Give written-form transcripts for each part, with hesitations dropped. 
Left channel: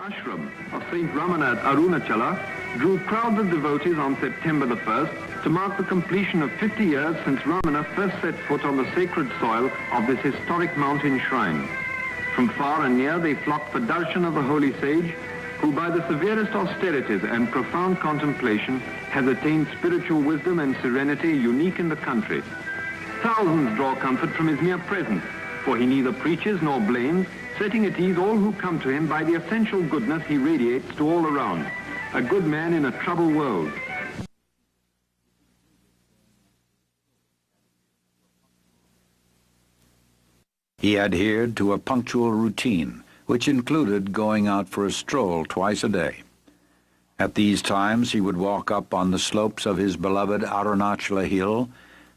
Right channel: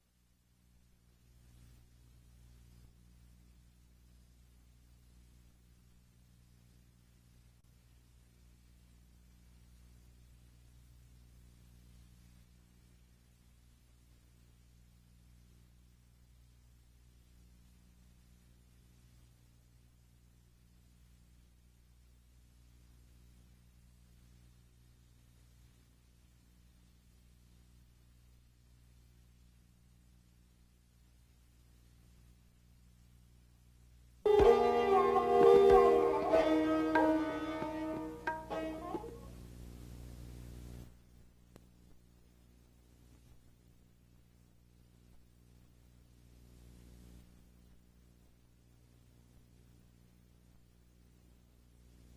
ashram of Saint Ramanar at Arunachala drew crowds of devotees on September the 1st to mark the completion of 50 years since Ramanar first set foot on the sacred soil of this historic mountain shrine. From far and near they flocked for darshan of the holy sage, who by the severest austerities and profound contemplation has attained spiritual wisdom and serenity unique in the country. Thousands draw comfort from his mere presence, for he neither preaches nor blames, setting at ease all who come to him by the essential goodness he radiates to all around. A good man in a troubled world. He adhered to a punctual routine, which included going out for a stroll twice a day. At these times, he would walk up on the slopes of his beloved Arunachala hill,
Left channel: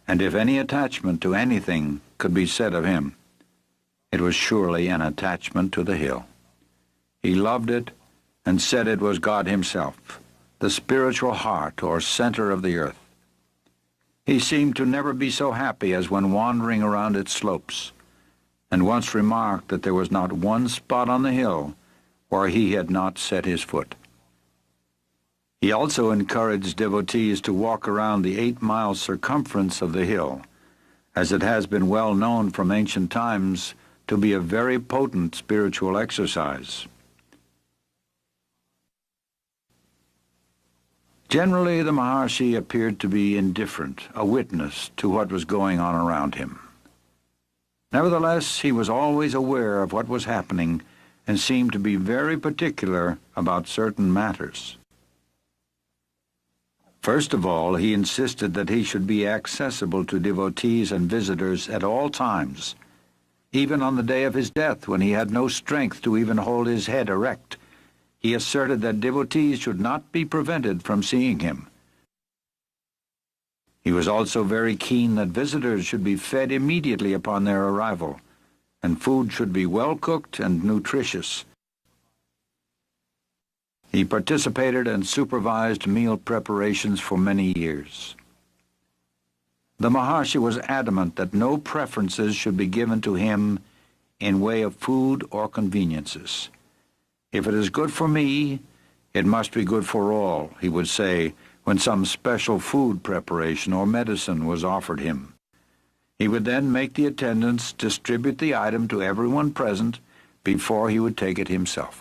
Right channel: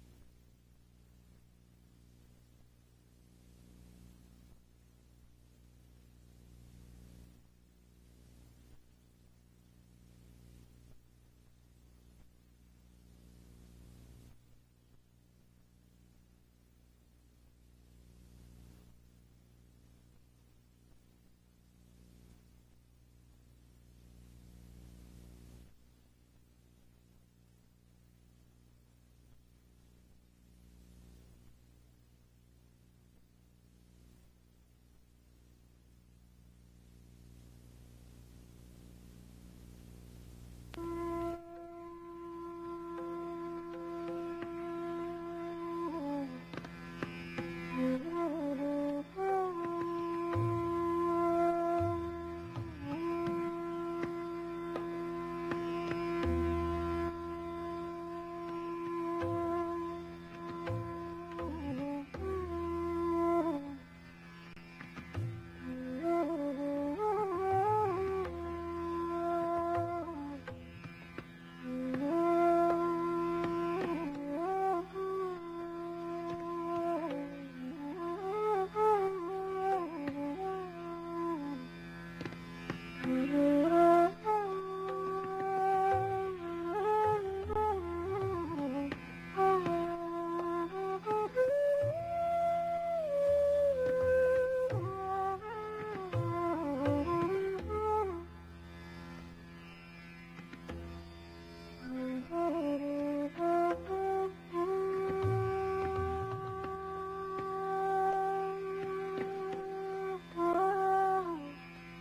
and if any attachment to anything could be said of him, it was surely an attachment to the hill. He loved it and said it was God himself, the spiritual heart or center of the earth. He seemed to never be so happy as when wandering around its slopes, and once remarked that there was not one spot on the hill where he had not set his foot. He also encouraged devotees to walk around the 8-mile circumference of the hill, as it has been well known from ancient times to be a very potent spiritual exercise. Generally, the Maharshi appeared to be indifferent, a witness to what was going on around him. Nevertheless, he was always aware of what was happening and seemed to be very particular about certain matters. First of all, he insisted that he should be accessible to devotees and visitors at all times, even on the day of his death when he had no strength to even hold his head erect. He asserted that devotees should not be prevented from seeing him. He was also very keen that visitors should be fed immediately upon their arrival, and food should be well cooked and nutritious. He participated and supervised meal preparations for many years. The Maharshi was adamant that no preferences should be given to him in way of food or conveniences. If it is good for me, it must be good for all, he would say when some special food preparation or medicine was offered him. He would then make the attendants distribute the item to everyone present before he would take it himself.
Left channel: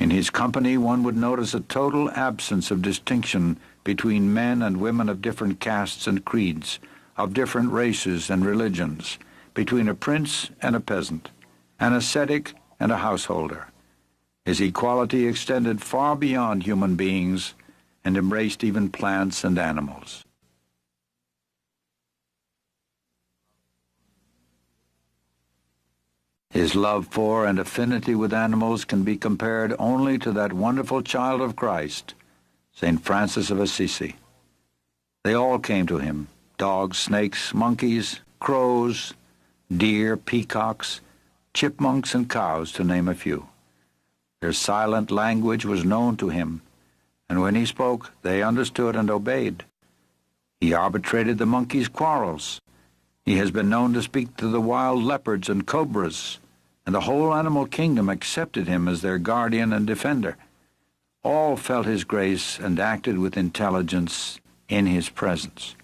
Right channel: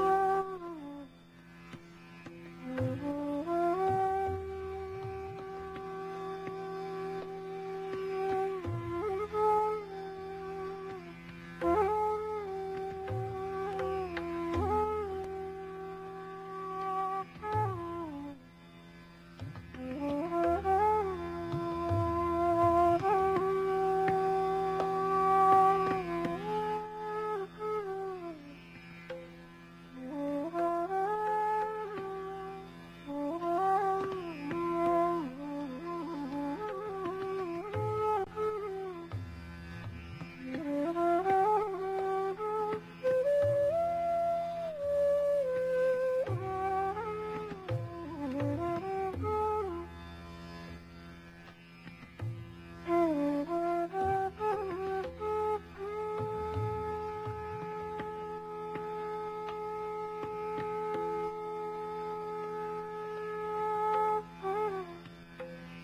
In his company, one would notice a total absence of distinction between men and women of different castes and creeds, of different races and religions, between a prince and a peasant, an ascetic and a householder. His equality extended far beyond human beings and embraced even plants and animals. His love for and affinity with animals can be compared only to that wonderful child of Christ, St. Francis of Assisi. They all came to him, dogs, snakes, monkeys, crows, deer, peacocks, chipmunks, and cows, to name a few. Their silent language was known to him, and when he spoke, they understood and obeyed. He arbitrated the monkeys' quarrels. He has been known to speak to the wild leopards and cobras, and the whole animal kingdom accepted him as their guardian and defender. All felt his grace and acted with intelligence in his presence.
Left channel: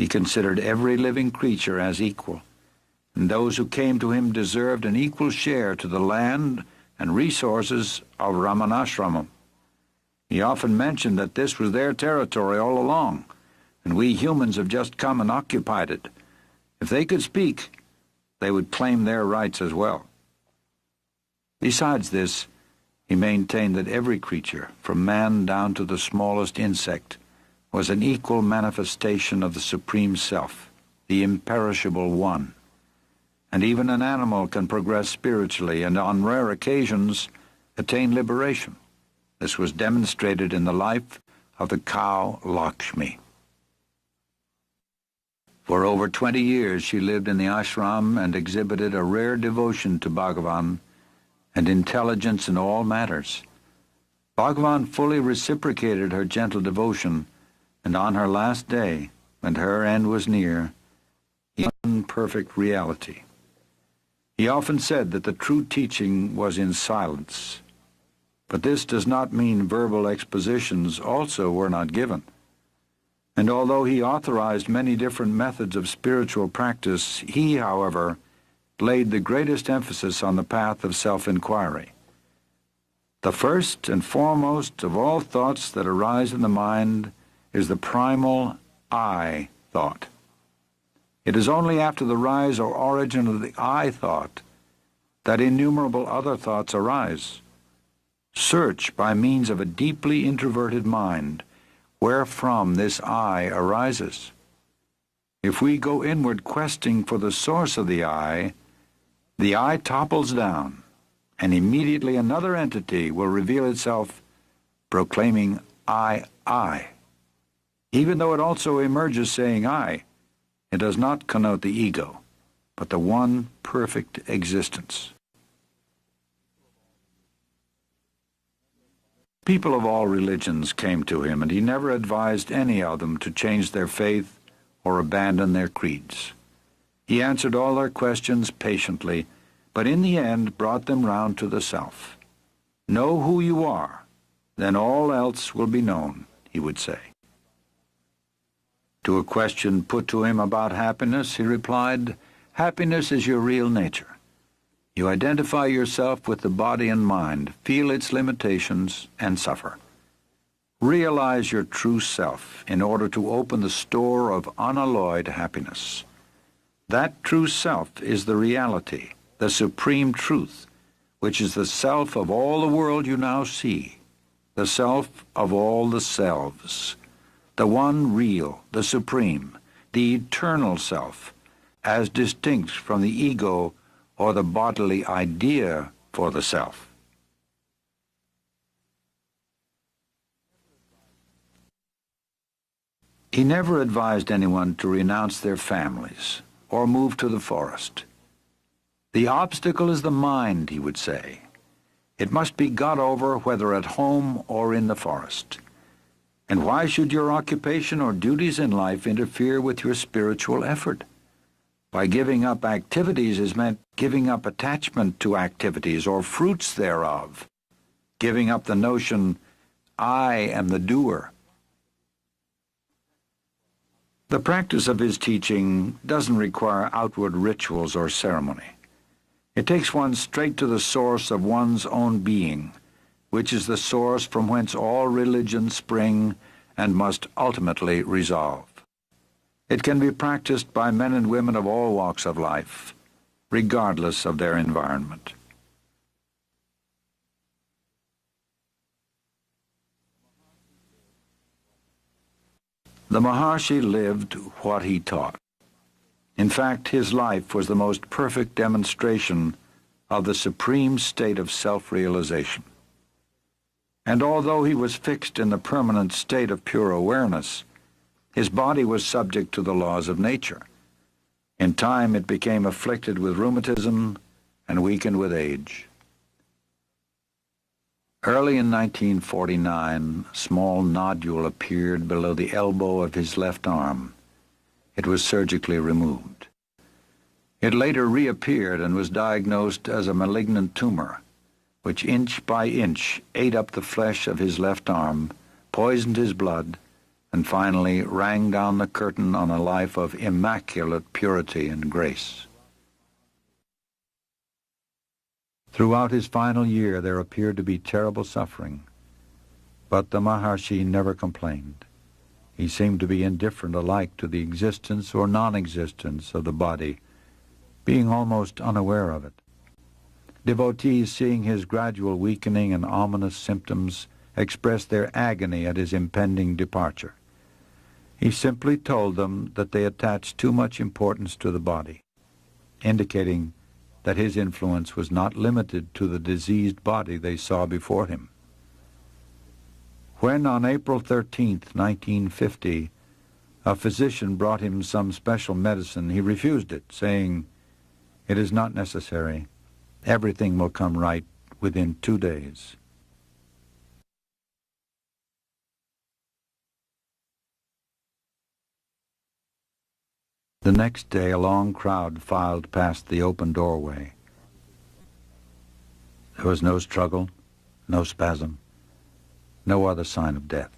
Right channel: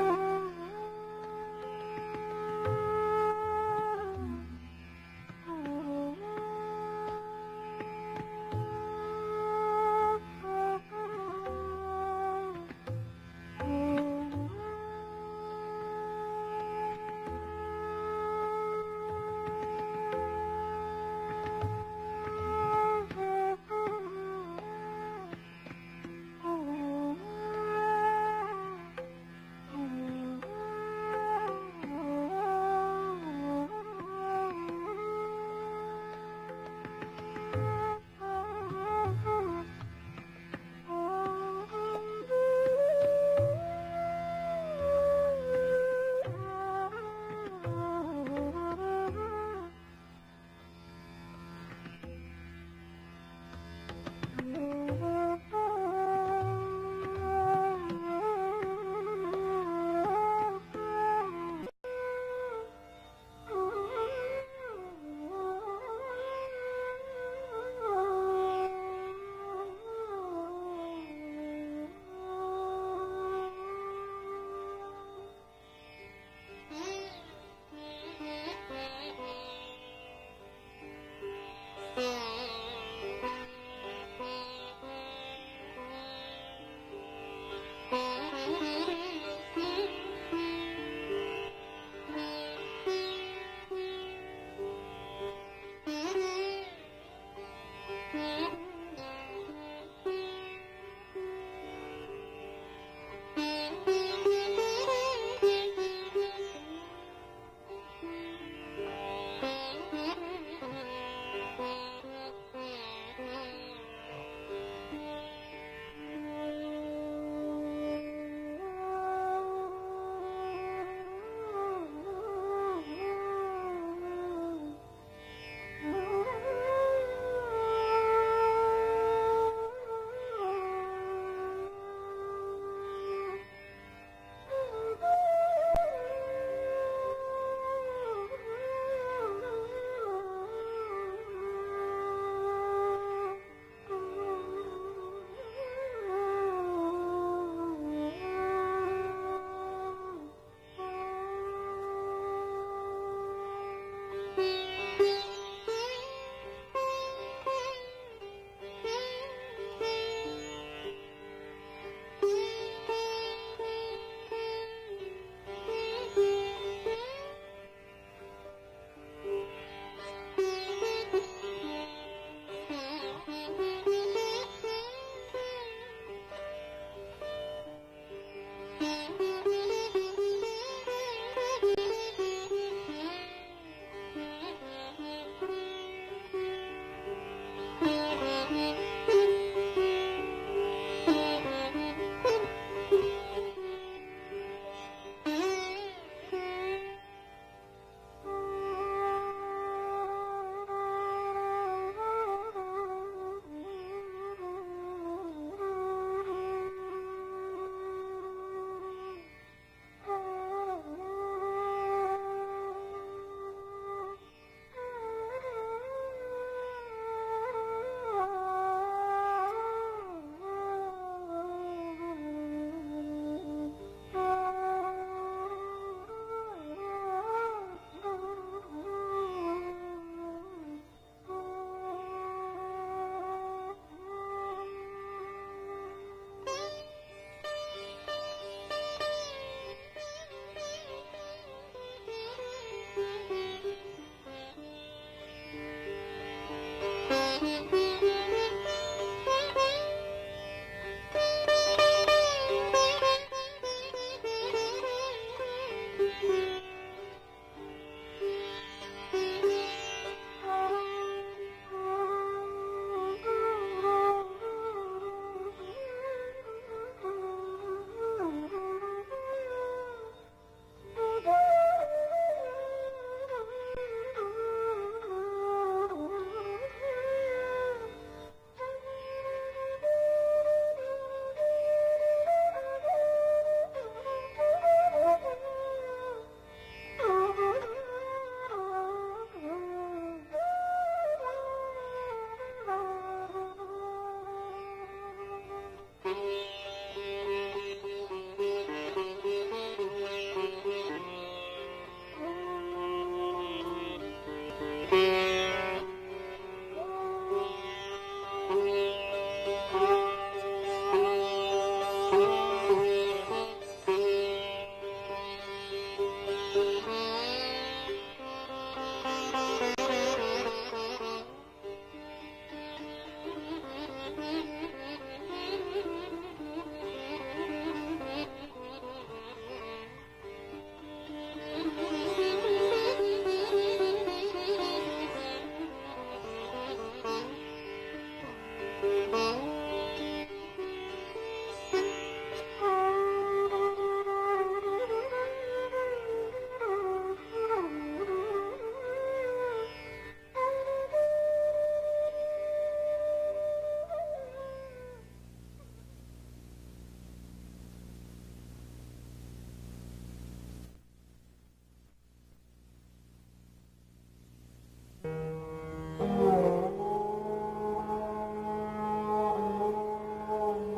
He considered every living creature as equal, and those who came to him deserved an equal share to the land and resources of Ramanashramam. He often mentioned that this was their territory all along, and we humans have just come and occupied it. If they could speak, they would claim their rights as well. Besides this, he maintained that every creature, from man down to the smallest insect, was an equal manifestation of the Supreme Self, the imperishable One. And even an animal can progress spiritually and on rare occasions attain liberation. This was demonstrated in the life of the cow Lakshmi. For over 20 years she lived in the ashram and exhibited a rare devotion to Bhagavan and intelligence in all matters. Bhagavan fully reciprocated her gentle devotion, and on her last day, and her end was near, in perfect reality. He often said that the true teaching was in silence, but this does not mean verbal expositions also were not given. And although he authorized many different methods of spiritual practice, he, however, laid the greatest emphasis on the path of self-inquiry. The first and foremost of all thoughts that arise in the mind is the primal I thought. It is only after the rise or origin of the I thought that innumerable other thoughts arise. Search by means of a deeply introverted mind wherefrom this I arises. If we go inward questing for the source of the I topples down, and immediately another entity will reveal itself proclaiming I. Even though it also emerges saying I, it does not connote the ego, but the one perfect existence. People of all religions came to him, and he never advised any of them to change their faith or abandon their creeds. He answered all their questions patiently, but in the end brought them round to the self. Know who you are, then all else will be known, he would say. To a question put to him about happiness, he replied, happiness is your real nature. You identify yourself with the body and mind, feel its limitations, and suffer. Realize your true self in order to open the store of unalloyed happiness. That true self is the reality, the supreme truth, which is the self of all the world you now see, the self of all the selves, the one real, the supreme, the eternal self, as distinct from the ego or the bodily idea for the self. He never advised anyone to renounce their families or move to the forest. The obstacle is the mind, he would say. It must be got over whether at home or in the forest. And why should your occupation or duties in life interfere with your spiritual effort? By giving up activities is meant giving up attachment to activities or fruits thereof, giving up the notion, I am the doer. The practice of his teaching doesn't require outward rituals or ceremony. It takes one straight to the source of one's own being, which is the source from whence all religions spring and must ultimately resolve. It can be practiced by men and women of all walks of life, regardless of their environment. The Maharshi lived what he taught. In fact, his life was the most perfect demonstration of the supreme state of self-realization. And although he was fixed in the permanent state of pure awareness, his body was subject to the laws of nature. In time, it became afflicted with rheumatism and weakened with age. Early in 1949, a small nodule appeared below the elbow of his left arm. It was surgically removed. It later reappeared and was diagnosed as a malignant tumor, which inch by inch ate up the flesh of his left arm, poisoned his blood, and finally rang down the curtain on a life of immaculate purity and grace. Throughout his final year, there appeared to be terrible suffering, but the Maharshi never complained. He seemed to be indifferent alike to the existence or non-existence of the body, being almost unaware of it. Devotees, seeing his gradual weakening and ominous symptoms, expressed their agony at his impending departure. He simply told them that they attached too much importance to the body, indicating that his influence was not limited to the diseased body they saw before him. When on April 13, 1950, a physician brought him some special medicine, he refused it, saying, "It is not necessary. Everything will come right within 2 days." The next day, a long crowd filed past the open doorway. There was no struggle, no spasm, no other sign of death,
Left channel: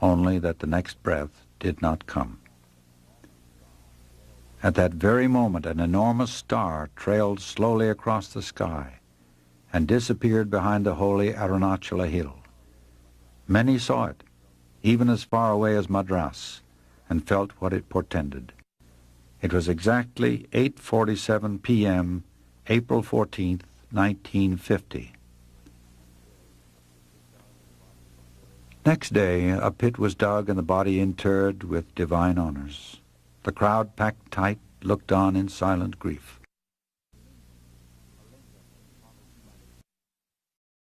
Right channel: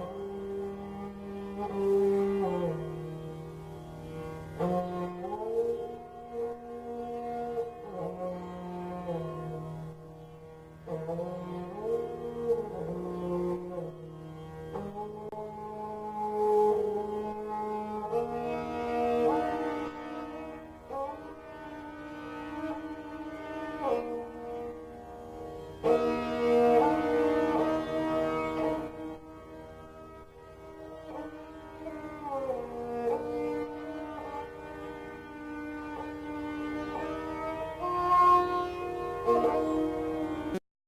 only that the next breath did not come. At that very moment, an enormous star trailed slowly across the sky and disappeared behind the holy Arunachala hill. Many saw it, even as far away as Madras, and felt what it portended. It was exactly 8:47 p.m., April 14, 1950. Next day, a pit was dug and the body interred with divine honors. The crowd, packed tight, looked on in silent grief.